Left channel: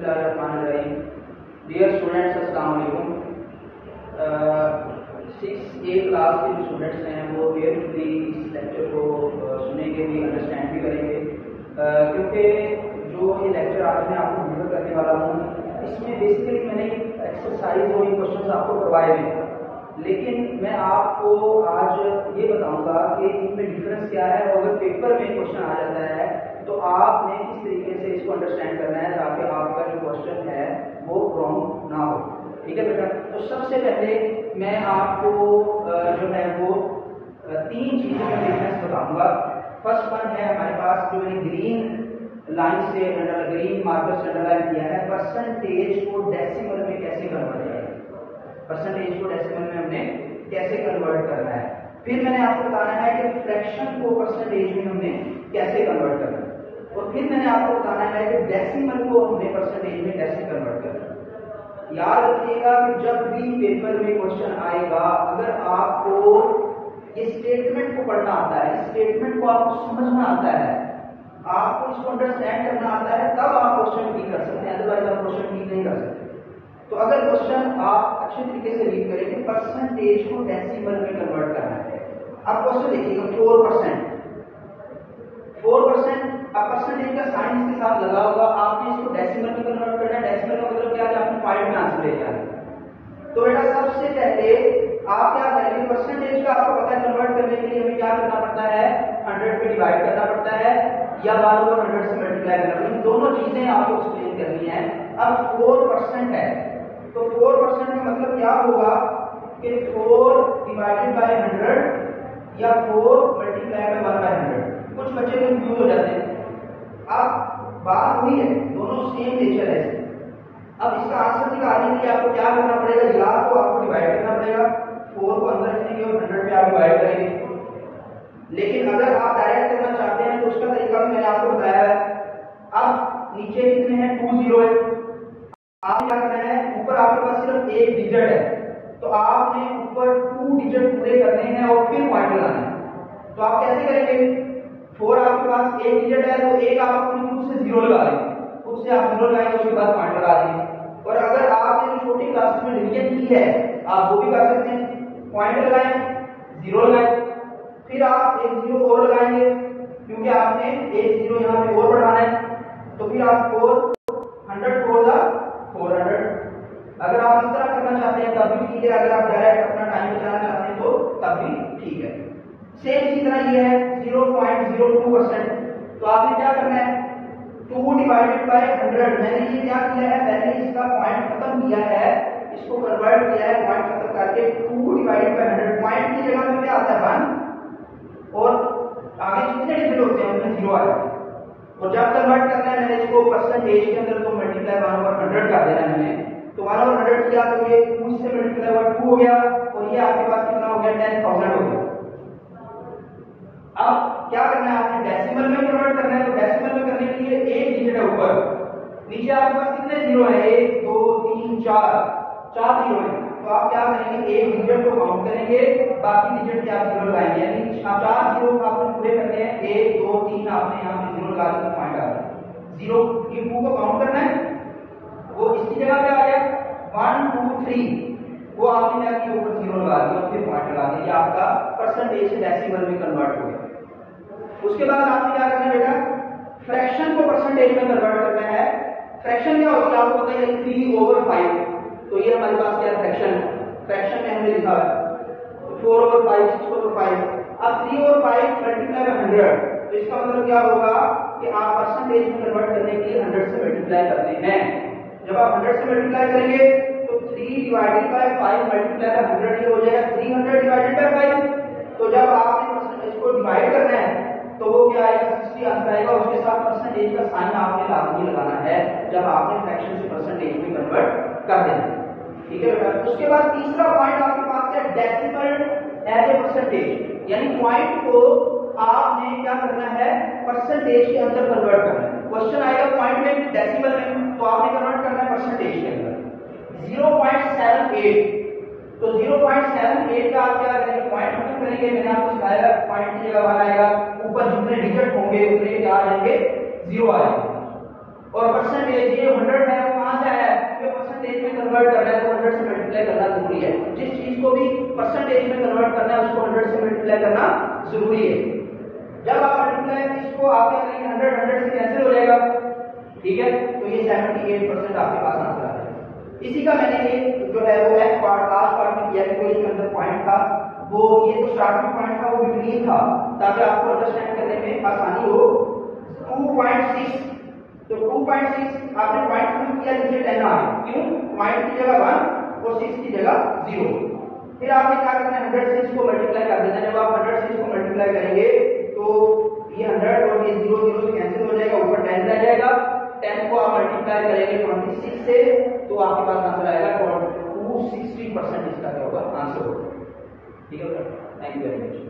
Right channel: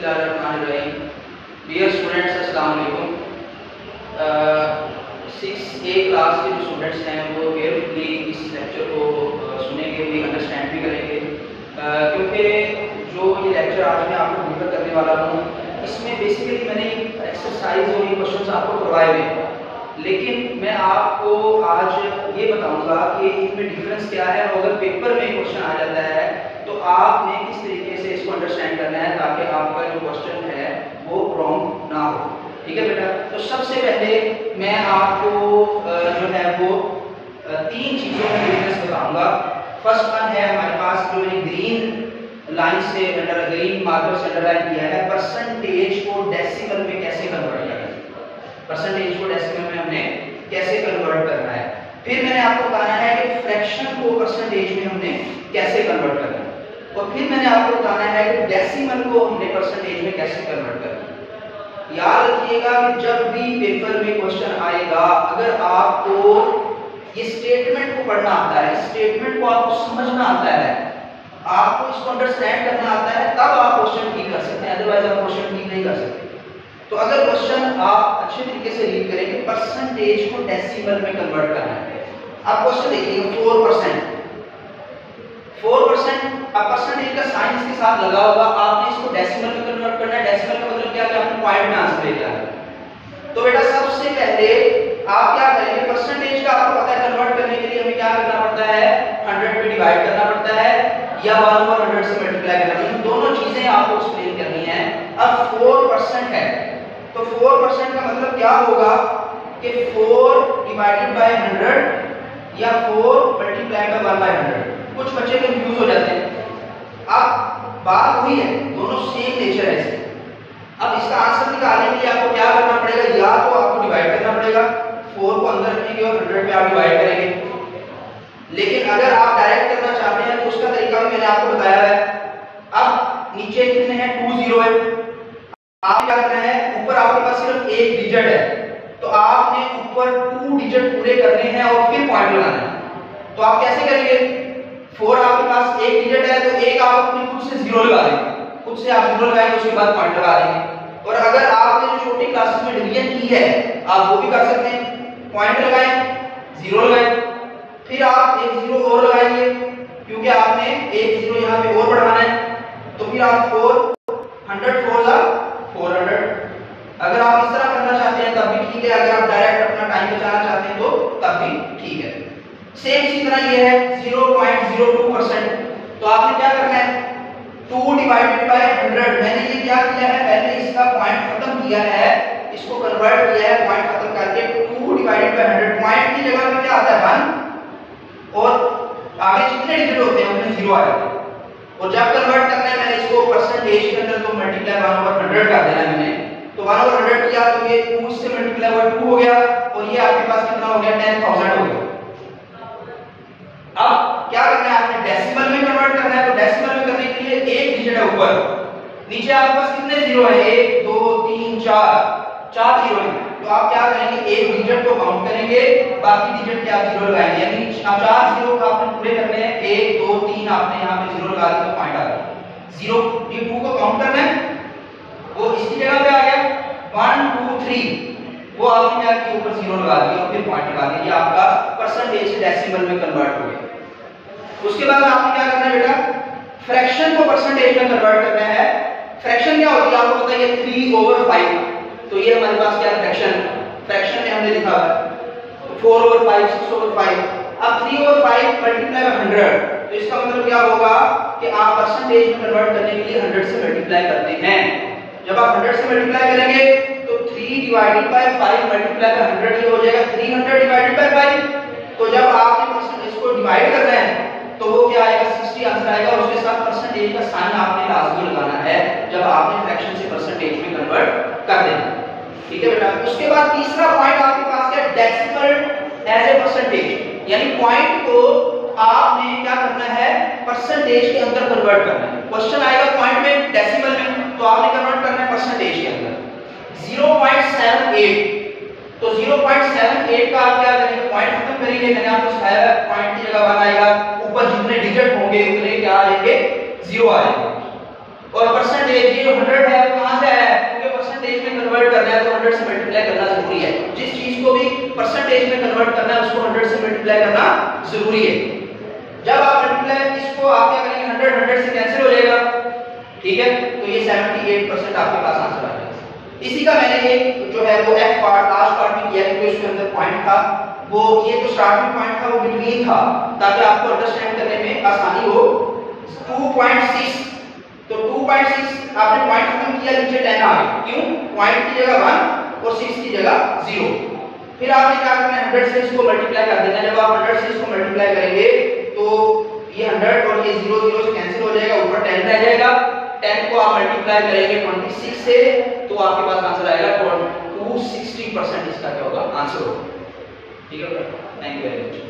बिस्मिल्लाहिर्रहमानिर्रहीम। Dear students, अस्सलाम वालेकुम। 6A क्लास के जो स्टूडेंट्स हैं वो केयरफुली इस लेक्चर को सुनेंगे भी, अंडरस्टैंड भी करेंगे, क्योंकि जो ये लेक्चर आज मैं आपको डिलीवर करने वाला हूँ इसमें बेसिकली मैंने एक्सरसाइज और ये क्वेश्चन आपको करवाए हुए हैं, लेकिन मैं आपको आज ये बताऊंगा कि इनमें डिफरेंस क्या है और अगर पेपर में क्वेश्चन आ जाता है तो आपने किस तरीके से इसको अंडरस्टैंड करना है ताकि आपका जो क्वेश्चन है वो रॉन्ग ना हो। ठीक है बेटा, तो सबसे पहले मैं आपको जो है वो 3 चीज़ों में डिफरेंस बताऊंगा। फर्स्ट वन है हमारे पास जो मैंने ग्रीन लाइन से ग्रीन मार्कर से अंडरलाइन किया है, परसेंटेज को डेसिमल में कैसे कन्वर्ट करना है, परसेंटेज को डेसिमल में हमने कैसे कन्वर्ट करना है। फिर मैंने आपको बताना है कि फ्रैक्शन को परसेंटेज में हमने कैसे कन्वर्ट करना है, और फिर मैंने आपको बताना है कि डेसिमल को हमने परसेंटेज में कैसे कन्वर्ट करना है। याद रखिएगा कि जब भी पेपर में क्वेश्चन आएगा, अगर आपको ये स्टेटमेंट को पढ़ना आता है, स्टेटमेंट को आपको समझना आता है, आपको इसको अंडरस्टैंड करना आता है, तब आप क्वेश्चन ठीक कर सकते हैं, अदरवाइज आप क्वेश्चन ठीक नहीं कर सकते। तो अगर क्वेश्चन आप अच्छे तरीके से रीड करेंगे, परसेंटेज को डेसिमल में कन्वर्ट करना है। अब क्वेश्चन देखिएगा 4%, 4%। अब परसेंटेज का साइन इसके साथ लगा होगा, आपने इसको डेसिमल में कन्वर्ट करना है। डेसिमल का मतलब क्या है, आपने पॉइंट में आंसर लेके आना है। तो बेटा सबसे पहले आप क्या करेंगे, परसेंटेज का आपको पता है कन्वर्ट करने के लिए हमें क्या करना पड़ता है, 100 पे डिवाइड करना पड़ता है या 1/100 से मल्टीप्लाई करना है। इन दोनों चीजें आपको एक्सप्लेन करनी है। अब 4% है तो 4% का मतलब क्या होगा कि 4 डिवाइडेड बाय 100 या 4 मल्टीप्लाई बाय 1/100। कुछ बच्चे कंफ्यूज हो जाते हैं। अब बात वही है, दोनों सेम नेचर है इसके। अब इसका आंसर निकालने के लिए आपको क्या करना पड़ेगा, या तो आपको डिवाइड करना पड़ेगा, 4 को अंदर रखेंगे और 100 पे आप डिवाइड करेंगे। लेकिन अगर आप डायरेक्ट करना चाहते हैं तो उसका तरीका भी मैंने आपको बताया है। अब नीचे कितने हैं, 2 0 है। आप क्या करना है, ऊपर आपके पास सिर्फ एक डिजिट है तो आपने ऊपर 2 डिजिट पूरे करने हैं और फिर पॉइंट लगाना है। तो आप कैसे करेंगे, 4 आपके पास एक डिजिट है तो एक आप अपनी खुद से 0 लगा देंगे, खुद से आप 0 लगाएंगे, उसके बाद पॉइंट लगा देंगे। और अगर आपने जो छोटी क्लासेस में डिवीजन की है आप वो भी कर सकते हैं, पॉइंट लगाएं, 0 लगाएं, फिर आप एक 0 और लगाएंगे क्योंकि आपने एक 0 यहाँ पे और बढ़ाना है। तो फिर आप 400 400। अगर आप इस तरह करना चाहते हैं तब भी ठीक है, अगर आप डायरेक्ट अपना टाइम बचाना चाहते हैं तो तब भी ठीक है। सेम इसी तरह ये है 0.02%। तो आपने क्या करना है, 2 डिवाइडेड बाय 100। मैंने ये क्या किया है, पहले इसका पॉइंट खत्म किया है, इसको कन्वर्ट किया है पॉइंट खत्म करके। 2 डिवाइडेड बाय 100, पॉइंट की जगह पे क्या आता है 1 और आगे जितने डिजिट होते हैं उसमें 0 आ जाता है। और जब कन्वर्ट करना है मैंने इसको परसेंटेज के अंदर तो मल्टीप्लाई 1/100 कर देना है मैंने। तो 1/100 किया तो ये 2 से मल्टीप्लाई हुआ 2 हो गया और ये आपके पास कितना हो गया, 10,000 हो गया। अब क्या करना है, आपने डेसिमल में कन्वर्ट करना है। तो डेसिमल में करने के लिए एक डिजिट है ऊपर, नीचे आपके पास कितने 0 है, 1 2 3 4 0 है। तो आप क्या करेंगे, एक डिजिट को काउंट करेंगे, बाकी डिजिट के आप 0 लगाएंगे, यानी 4 0 को आपने पूरे करने हैं। 1 2 3 आपने यहाँ पे 0 लगा दिया तो पॉइंट आ गया 0। ये 2 को काउंट करना है, वो इसकी जगह पे आ गया 1 2 3, वो आपने क्या किया, ऊपर 0 लगा दिया और फिर पॉइंट लगा दिया। ये आपका परसेंटेज से डेसिमल में कन्वर्ट हो गया। उसके बाद आपने क्या करना है बेटा, फ्रैक्शन को परसेंटेज में कन्वर्ट करना है। फ्रैक्शन क्या होती है आपको पता है, 3/5। तो ये हमारे पास क्या फ्रैक्शन, फ्रैक्शन में हमने लिखा है 4/5 6/5। अब 3/5 मल्टीप्लाई बाय 100, तो इसका मतलब क्या होगा कि आप परसेंटेज में कन्वर्ट करने के लिए 100 से मल्टीप्लाई करते हैं। जब आप 100 से मल्टीप्लाई करेंगे तो 3 डिवाइडेड बाय 5 मल्टीप्लाई बाय 100 ये हो जाएगा 300 डिवाइडेड बाय 5। तो जब आपने परसेंटेज को डिवाइड करना है तो वो क्या आएगा, 60 आंसर आएगा। और उसके साथ परसेंटेज का साइन आपने लाजमी लगाना है जब आपने फ्रैक्शन से परसेंटेज में कन्वर्ट कर देना। ठीक है बेटा। उसके बाद तीसरा पॉइंट आपके पास क्या, डेसिमल एज ए परसेंटेज, यानी पॉइंट को आपने क्या करना है, परसेंटेज के अंदर कन्वर्ट करना है। क्वेश्चन आएगा पॉइंट में डेसिमल में, तो आपने कन्वर्ट करना है परसेंटेज के अंदर। 0.78, तो 0.78 का आप क्या करेंगे, पॉइंट खत्म करेंगे। मैंने आपको सिखाया है पॉइंट की जगह 1 आएगा, ऊपर जितने डिजिट होंगे उतने क्या आ जाएंगे, 0 आ जाएंगे। और परसेंटेज ये 100 है परसेंटेज में कन्वर्ट करना है उसको 100 से मल्टीप्लाई करना जरूरी है। जब आप मल्टीप्लाई इसको आप क्या करेंगे 100 से कैंसिल हो जाएगा, ठीक है, तो ये 78% आपके पास आंसर आ जाएगा। इसी का मैंने एक जो है वो एफ पार्ट लास्ट पार्ट में किया क्योंकि उसके अंदर पॉइंट था, वो ये जो स्टार्टिंग पॉइंट था वो बिटवीन था ताकि आपको अंडरस्टैंड करने में आसानी हो। 2.6 तो 2.6 आपने पॉइंट खत्म किया, नीचे 10 आ गए, क्यों? पॉइंट की जगह 1 और 6 की जगह 0। फिर आपने क्या करना है 100 से इसको मल्टीप्लाई कर देना। जब आप 100 से इसको मल्टीप्लाई करेंगे तो ये 100 और ये 0 0 से कैंसिल हो जाएगा, ऊपर 10 रह जाएगा। 10 को आप मल्टीप्लाई करेंगे 26 से तो आपके पास आंसर आएगा 260% इसका क्या होगा आंसर होगा। ठीक है, थैंक यू वेरी मच।